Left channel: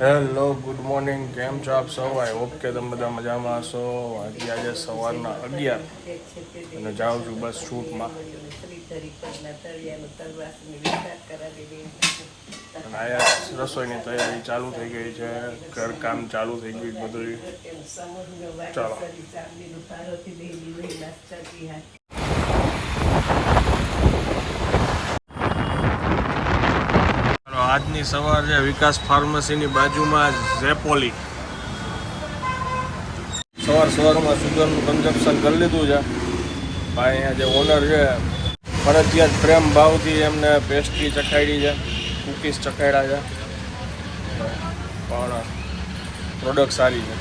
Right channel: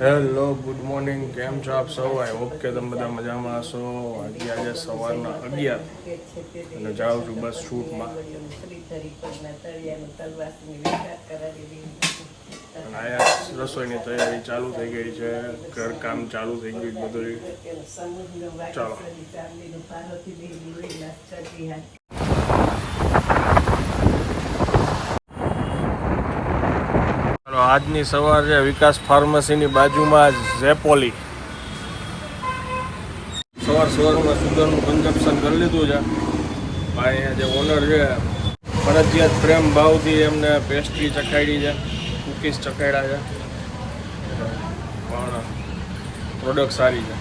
Hello good morning કેમ છો આપ સૌ? આઈ હોપ કે તમે બધા મજામાં હશો. આજે આજે સવારના અગિયાર. અને જાઉં છું બસ શૂટમાં રસોઈની તૈયારી ચાલુ થઈ ગઈ છે, ઘરકામ ચાલુ થઈ ગયું બધું ચાલો. આજની સવાર વિકાસ ફાર્મસીની બાજુમાં ઝેપોલી. સવાર સવારમાં સુગરનું કન્સ્ટ્રક્શન કરી લીધું છે. ભાઈ, અહીંયા જે ઓનર છે ફરજિયાત પ્રેમ ભાવથી એમને પેસ્ટ્રી ચખાડી છે કુકીઝ ચખાડ્યા છે. પણ પ્રોડક્ટ સારી છે.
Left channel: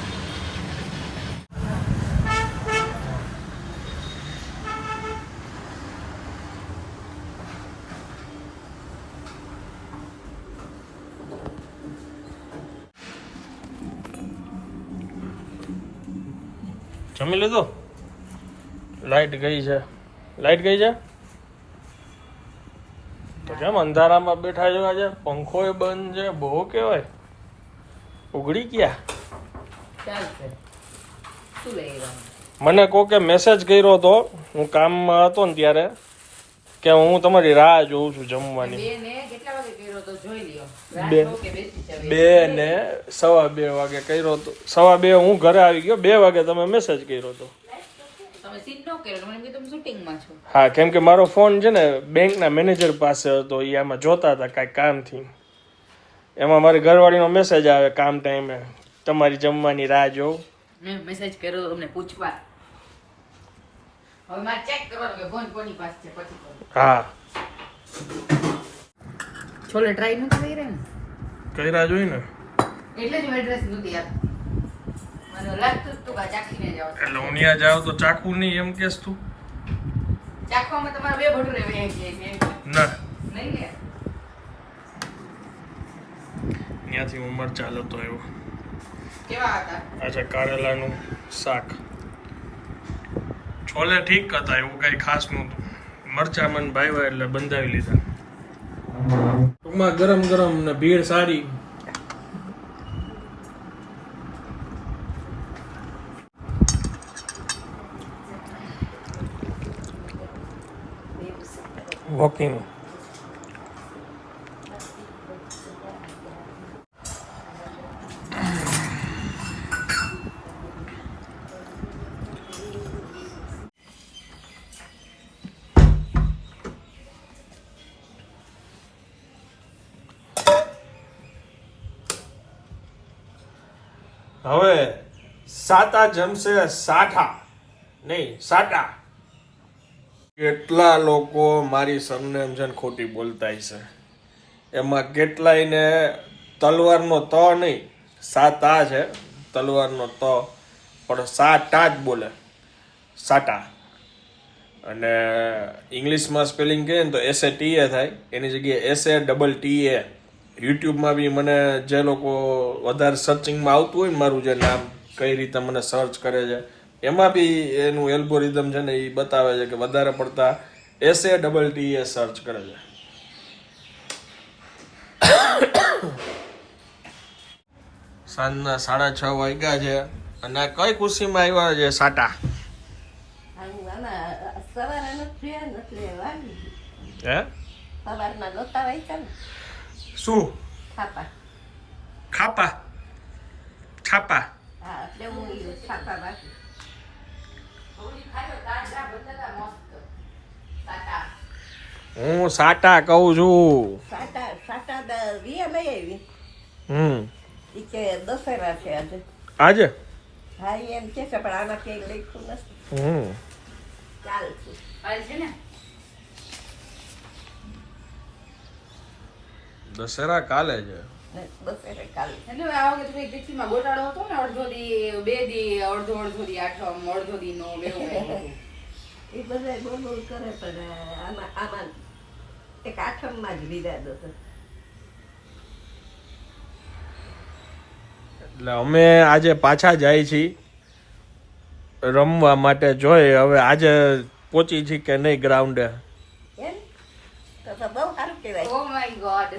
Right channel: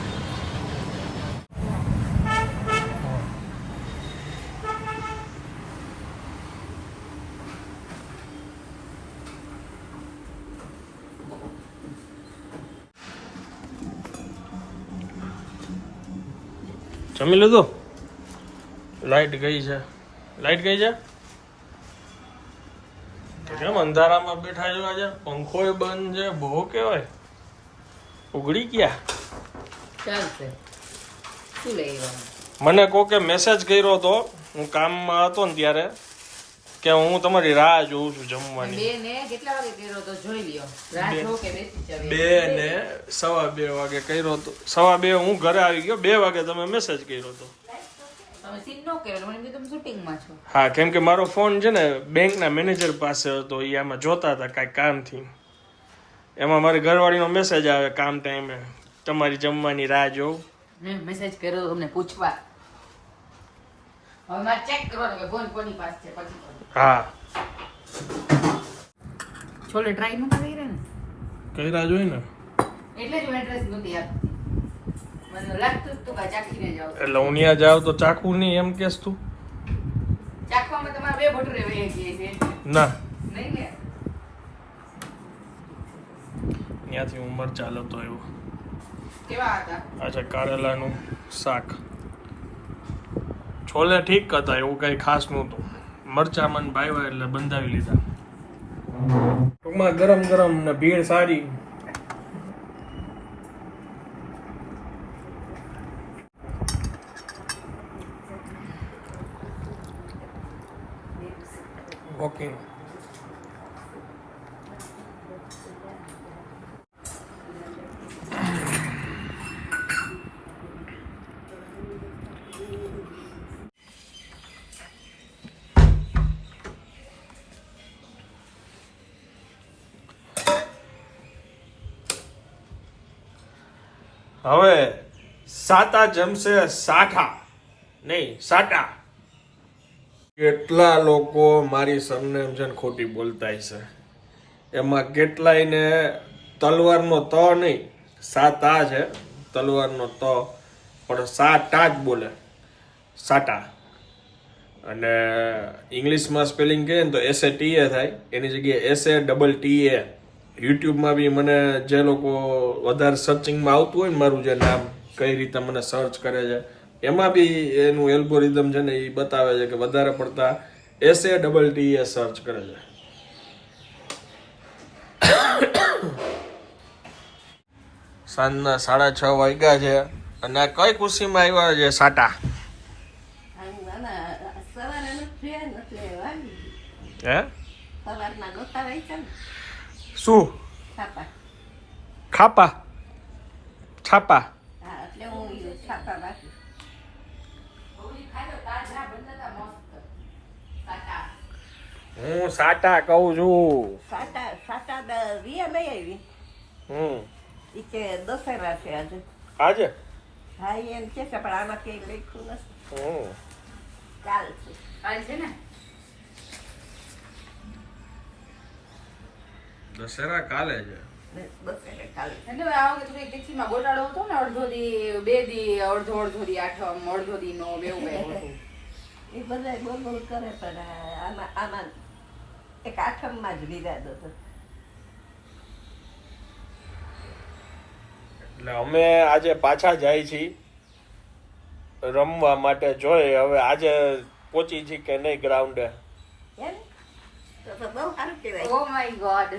જમી લીધું? લાઈટ ગઈ છે. લાઈટ ગઈ છે? કેમ અંધારામાં બેઠા છો આજે? એ બંધ છે બહુ કહેવાય. ઉઘડી ગયા. મને કહો કે મને કોકે મેસેજ કર્યો હતો હું કામમાં હતો ને ત્યારે કે હું તમારી રાહ જોઉં છું જમવાની. બે ને કેટલા વાગે કર્યો તો? જોઈ લ્યો. બે. રાખો કે બેસી ચાલે બે ને સવા બે વાગે કર્યો હતો સવા બે હું ઘરે આવી ગયો બે વાગે તમે મેસેજ કર્યો હતો કર્યો હા કેમ કે મારો ફોન છે ને બેંકના મેનેજર પાસે હતો એ આમાં જોતા હતા કાંઈ કામથી. એમાં મારી ઘરવાળીનો મેસેજ આવે કામ ટાઈમે તમારી જમવાની રાહ જોઉં. મેં મેસેજ કર્યો તમને પૂછવા. હવે મારે ચેક કરવાનું કે ફોન કોની પાસે છે પછી હા. છોલે ટ્રાય નથી કરી રહ્યા રાહ જોઈ ને? એટલે જ એડ્રેસ નથી આપતી. તું જાવ એટલે હું ત્યાં જાઉં તો ચાકુ નહીં એમ કેસ તું? તમારે બે છે ના. નહીં ને ત્યાંથી લેતો આવ્યો. કેવા હતા? આ કારેલાનું શાક. છોલે ઠીક હતા એવું કંઈ ખાસ નહોતું. મરચા ભાઈવા એટલે બંધાવી લીધા. ટૂંકમાં ગરમ ગરમ ને ભીડ સારી. વોકિંગ હવે સાતા જમશે સાઠા. નહીં સાટા. કેટલા લોકો મારી સરનેમ છે ને ખોટી બોલતા છે. એમાં કેટલાયને તલવારનો ત નહીં, સાતા છે, તલવારનો ત, પણ સાટા જ બોલે. સાટા અને ઇંગ્લિશમાં સ્પેલિંગ કહીએ ને તો એસ એ ટી એ થાય. એની જગ્યાએ S A double T A યુટ્યુબમાં બી મને જે લોકો વધારે સર્ચિંગમાં આવતું હોય ને મારું જે નામ, કઈ રીતે મને સર્ચ કરે છે એમાં બી એનું એલ્ગોરિધમ છે ને એ બતાવે છે કે વધારે પડતા S A double T A search કરે છે. સાંજના સાડા છ વાગ્યા છે અને આ કઈ ખુશીમાં આવ્યા છે સાટા? શું? ખાપા. છાપા? એટલે હું છાપા બાકી. હું સાટા કહું છું. સાટા સાટા રિયા લઈ આવી. હમ. ઈ કે દશેરા છે આજે. આજે? હા એમ કે છે પણ આમાં કઈ લખ્યું નથી. હમ. છે ને? દશેરા કાલે છે. એટલે આ વખતે થોડી ટિફિનમાં ગોટાળો હતો ને અડધો દી બે દી અડધો અડધો દી આઠમ અડધો દી નો એવું એ બધા બોલ બોલ કરે પણ આમાં આમાં એક આઠમમાં જ વિવાદ હતો. એટલે અમે આજે પાછા જાય છીએ રમવા માટે જોઈએ હવે આજે પહોંચી છીએ કે નહીં ગ્રાઉન્ડે? એમ? તો તો બહુ સારું કહેવાય. ઓ માય ગોડ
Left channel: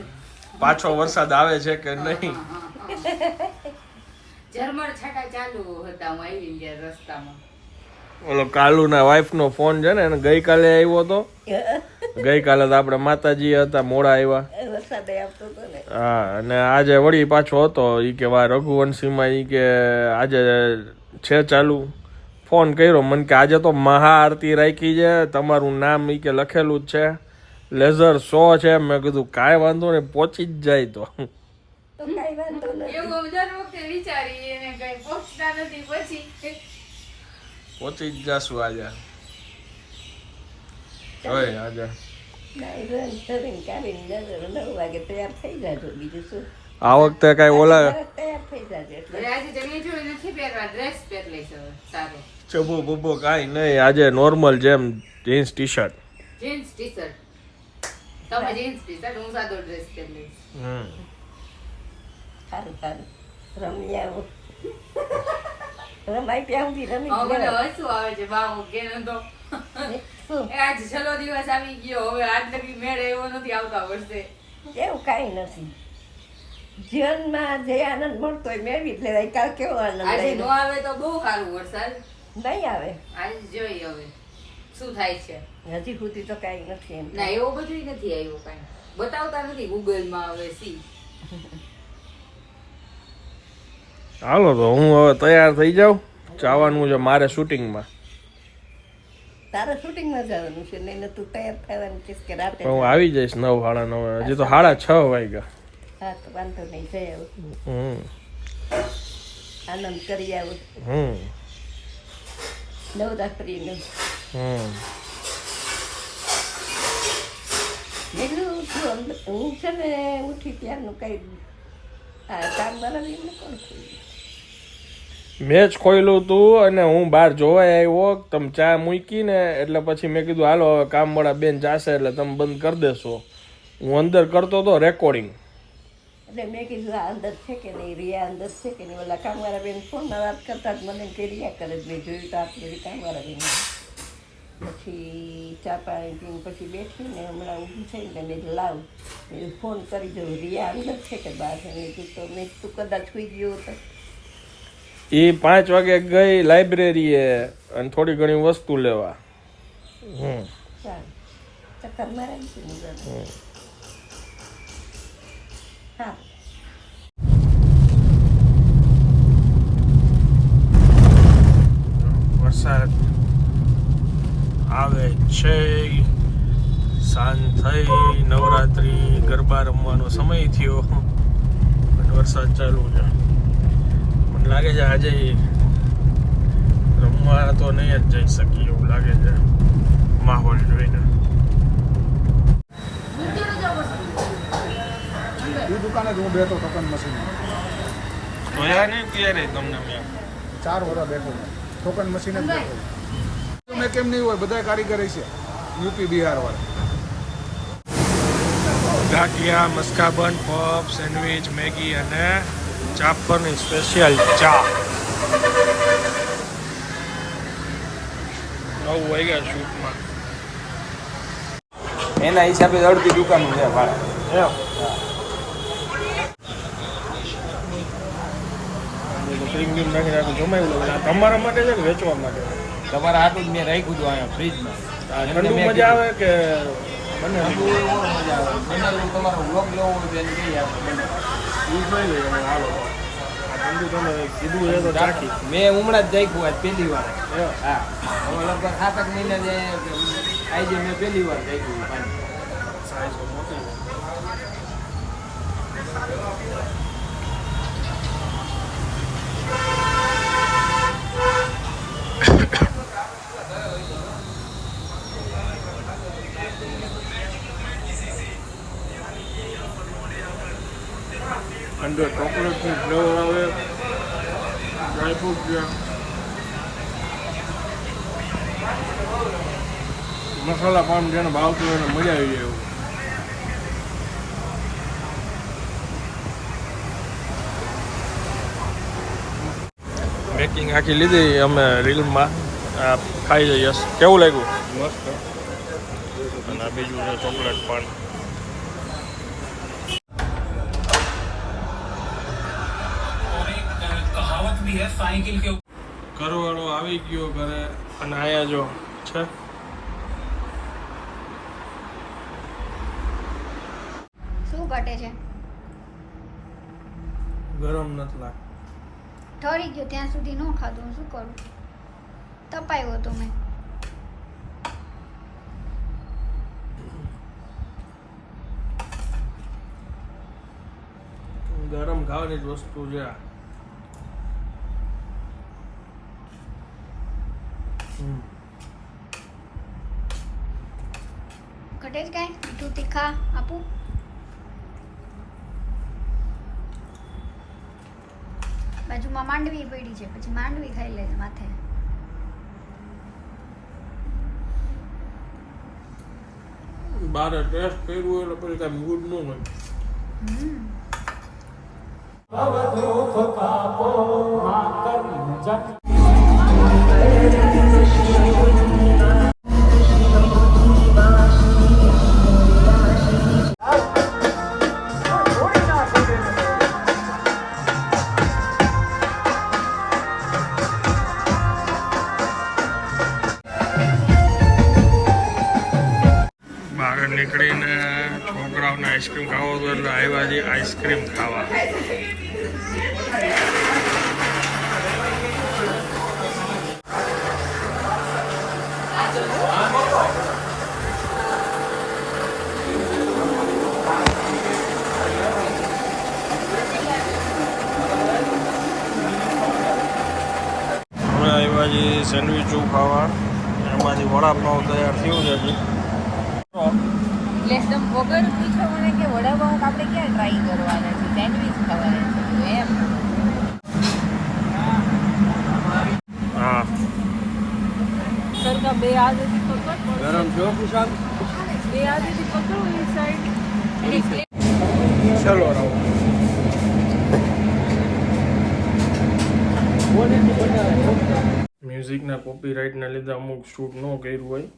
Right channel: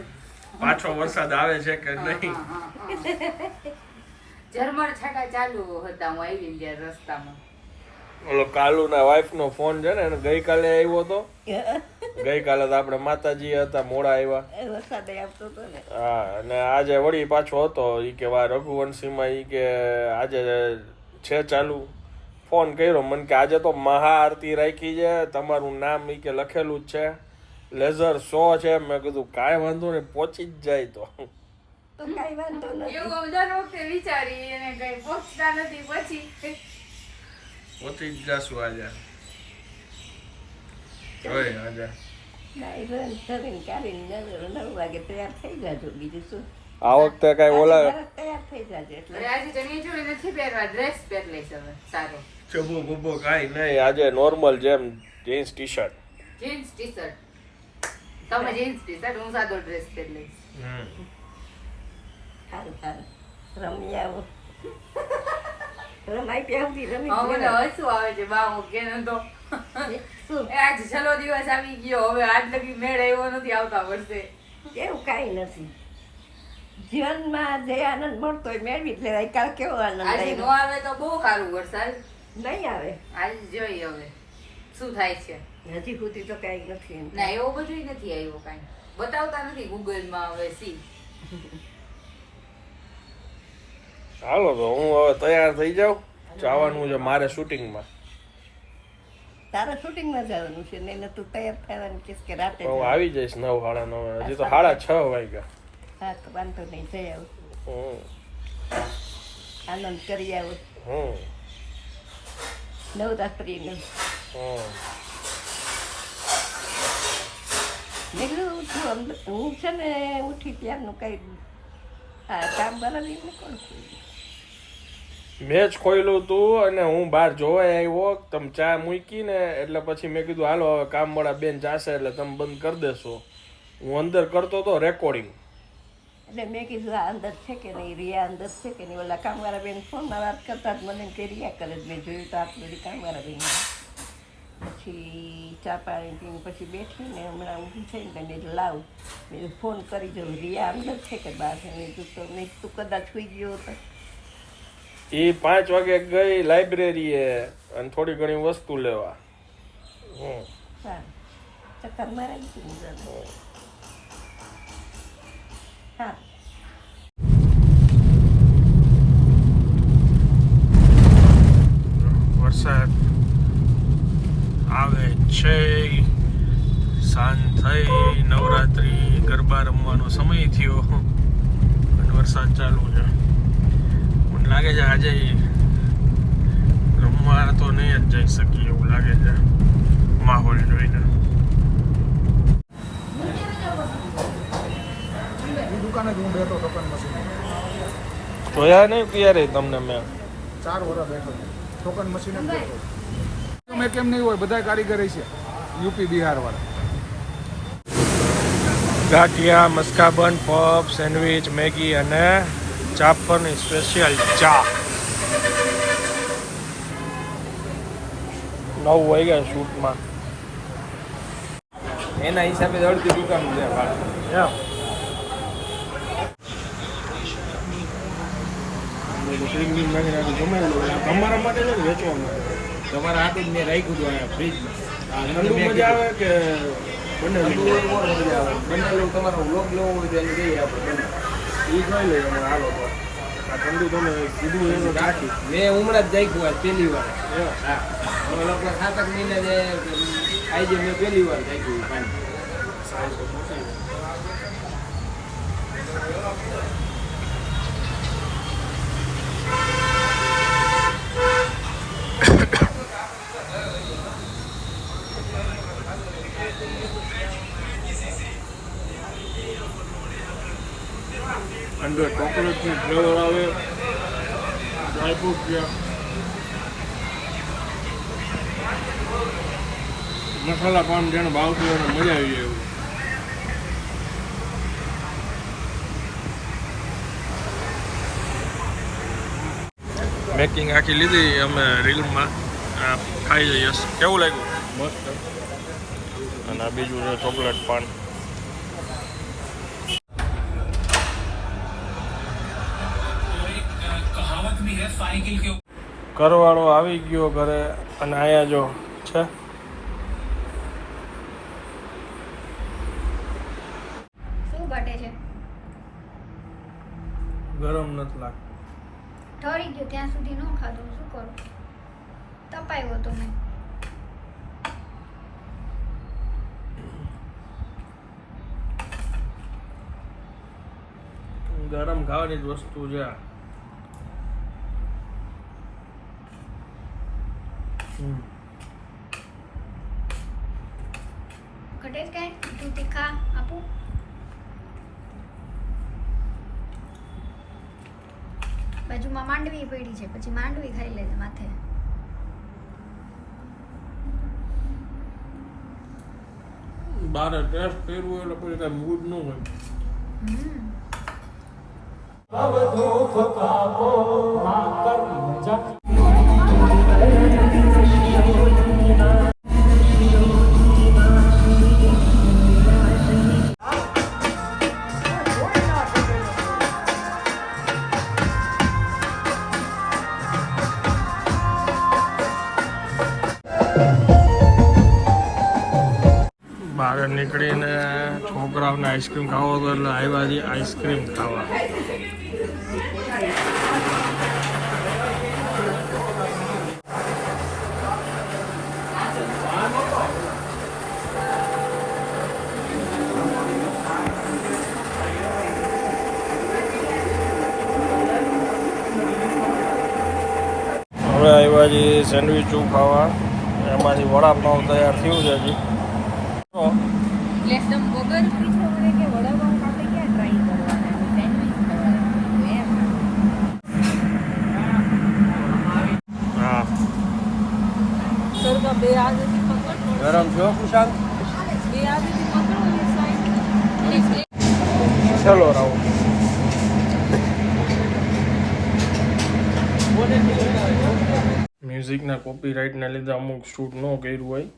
પાછો વરસાદ આવે છે કે નહીં? જર્મન છાટા ચાલુ હતા હું આવી ગયા રસ્તામાં. ઓલો કાલુના વાઈફનો ફોન છે ને એને ગઈકાલે આવ્યો હતો ગઈકાલે તો આપણે માતાજી હતા મોડા આવ્યા. વરસાદ આવતો હતો ને. હા અને આજે વળી પાછો હતો ઈ કે વા રઘુવંશીમાં ઈ કે આજે છે ચાલુ. ફોન કર્યો મને કે આજે તો મહાઆરતી રાખી છે તમારું નામ ઈ કે લખેલું જ છે. લેઝર શો છે મેં કીધું કાંઈ વાંધો નહીં પહોંચી જ જાય તો. તો કાંઈ વાંધો નથી. એવું હું દર વખતે વિચારી એને કઈ પહોંચતા નથી પછી પહોંચી જ જાશું આજે. જોઈએ આજે. આ વખતે કાંઈ ઓલા તૈયાર થઈ જાજો એટલે. આજે તમે જોઈ નથી પહેરવા ડ્રેસ પહેર લઈશ હવે સારો. ચબો બબો કાંઈ નહીં આજે નોર્મલ જેમ jeans T shirt jeans T shirt તમે જીન્સ ટી શર્ટ હું સાદો ડ્રેસ પહેર લઈશ સારું સારું રમી આવો રમાઈ ત્યાં સુધી રમી મને. હસવું આવે છે બાવો કે તો આજ છેલ્લો દિવસ આવી ગયો હવે આજ લગી મેળ એવો નથી આવતા વર્ષે એવું કાંઈ નથી જીવનમાં જે આનંદ મળતો હોય મેળવી જ લેવાય કાલ કેવો આનંદ આજે નો આવે તો બહુ સારું વરસાદ નહીં આવે આજ જોઈએ હવે શું થાય છે હજી સુધી તો કાંઈ નથી એમ. ના એવું બધું નથી આવ્યું કાંઈ. બતાવતા નથી ગૂગલમાં હવે સી. હાલો તો હું હવે તૈયાર થઈ જાઉં. જવાનું છે મારે શૂટિંગમાં. તારા શૂટિંગમાં જવાનું છે? નહીં તું તૈયાર થવાનું છે કે રાતે હું આવી જઈશ નવ સાડા નવ હજી તો સાડા છ વાગ્યા. હા તો વાંધો નહીં જઈ આવું. હમ. આનંદ કરી આવું. હમ. નવરાત્રિનું. હમ. મેં કીધું તું હું છે ને ઉઠી ત્યારનું કઈ કામ બરાબર કોણ ખોલ્યું? મેચ ખોયલું તું અને હું બહાર જોવા આવ્યો તમે ચા મૂકી ને એટલે પછી મેં કીધું હાલો હવે કામવાળા બેન જાશે એટલે તમે બંધ કરી દેશો. હું અંદર કરતો હતો રેકોર્ડિંગ એટલે મેં કીધું આ અંદર છે કે નહીં? રિયા અંદર છે કે નહીં? ઓલા કામવાળા બેન ફોનમાં વાત કરતા જ મને કે રિયા કરે જ મેં જોયું તો આટલી કામવાળા બેન. પછી ચા પાણી પીને પછી બેઠીને હમણાં ઊભી થઈને તો કીધું લાવ. મેં ફોન કરી દઉં રિયા અંદર છે કે બહાર છે મેં કીધું તો મેં તું કદાચ સુઈ ગયો હતો. એ પાંચ વાગે ગઈ લાઇબ્રેરીએ અને થોડી ઘણી વસ્તુ લેવા. હમ. સારું. ચક્કર મારા હા વરસાદ આવે છે સાંજ થઈ નવરાત્રી સમય થયો. પણ વરસાદ ચાલુ છે. મને લાગે છે આજે રમવા તો નહીં જ જઈ શકીએ એવું લાગે છે. માહોલ જોઈને. જોયા નહીં ત્યારે તમને મેં. ચાર વર્ષ બેઠો. ટોકન મશીન નહીં હોય બધા કારીગર છે. યુપી બિહાર વાળા. Ganthiya maska bun puff sandwich Maggi અને ચાપરની સ્પેશિયલ ચા. નવ હોય ગયા શૂટમાં. એના હિસાબે અડધી દુકાનો તમારા માટે છે વેચવા માટે? તમારા હાથે જ મેં રાખ્યું હતું અહીંયા ફ્રીજમાં. ઠંડુ મજા આવે કે બંને આવે. બનાવેલું તમારો બ્લોક લેવો હોય તો એને લઈ આપો બંને. એ જોઈ લઈએ અમે હાલો તો ઠંડુ તમે કીધું એ તો રાખી મેં હમણાં જ રાખ્યું આજ પહેલી વાર હા હવે લગભગ સાત આઠ મહિના જે આજે મેં પહેલી વાર રાખ્યું પાણી મોટી છે. અંદર ચોકલેટની ફ્લેવર આવે. ડ્રાયફ્રૂટ છે મસાલા પાન જેને ભાવતું હોય એને મજા આવી જાય એવું. મેકિંગ આખી લીધી અમે રીલમાં. આ ખાઈ જઈએ. કેવું લાગ્યું? મસ્ત. અને બીજું છે ચોકલેટ પાન. ઘરવાળો આવી ગયો ઘરે અને આયા જો છે. શું ઘટે છે? ગરમ નથી લાગતું. ઠરી ગયો ત્યાં સુધી ન ખાધું શું કરું? તપાયો તો મેં. ગરમ ખાવાની જ વસ્તુ છે આ. હમ. ઘટે જ કાંઈ મીઠું તીખા આપું? બાજુમાં માંડવી પડી છે પછી માંડવી ખાઈ લેજે માથે. બારે ટેસ્ટ કર્યું એટલે પછી કાંઈ મૂડ ન હોય. હમ. બહાર નીકળીને છોકરાઓને આઈસ્ક્રીમ ખાવો હતો એટલે આવ્યા છે આઈસ્ક્રીમ ખાવા હવે સેન્ડવીચ ખાવા. એમાંથી વડાપાઉં તૈયાર થયું છે હજી. એટલે એકદમ બે તીખા મને કે વડાપાઉં આપણે ક્યાં ટ્રાય કરવાના છે સેન્ડવિચ ખાવાના છે એમ હા ગરમ છો કુશાલ ચલો રાવ મ્યુઝિકના કોપીરાઇટને લીધે અમુક શૂટ ન કર્યું હોય.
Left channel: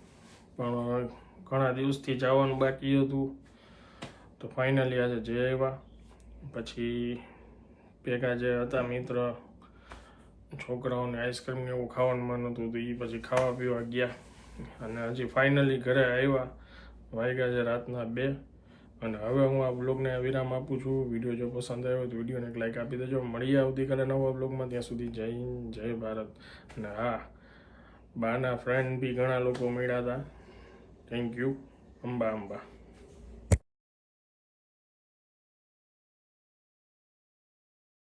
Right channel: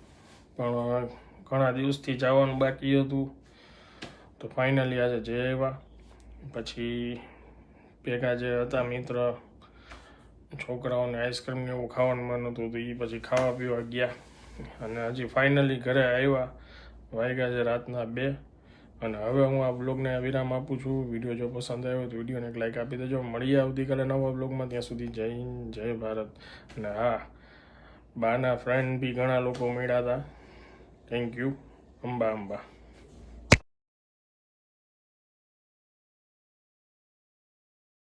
પણ ઘણા દિવસથી જવાનું બાકી હતું. તો ફાઇનલી આજે જઈ આવ્યા. પછી ભેગા જે હતા મિત્ર, છોકરાઓને આઈસ્ક્રીમ ને એવું ખાવાનું મન હતું તો એ પછી ખાવા પીવા ગયા. અને હજી ફાઇનલી ઘરે આવ્યા. વાગ્યા છે રાતના બે. અને હવે હું આ બ્લોગને વિરામ આપું છું. વીડિયો જો પસંદ આવ્યો તો વિડીયોને એક લાઇક આપી દેજો. મળીએ આવતીકાલે નવા બ્લોગમાં ત્યાં સુધી જય જય ભારત. અને હા બાના ફ્રેન્ડ બી ઘણા લોકો મળ્યા હતા. Thank you Amba Amba.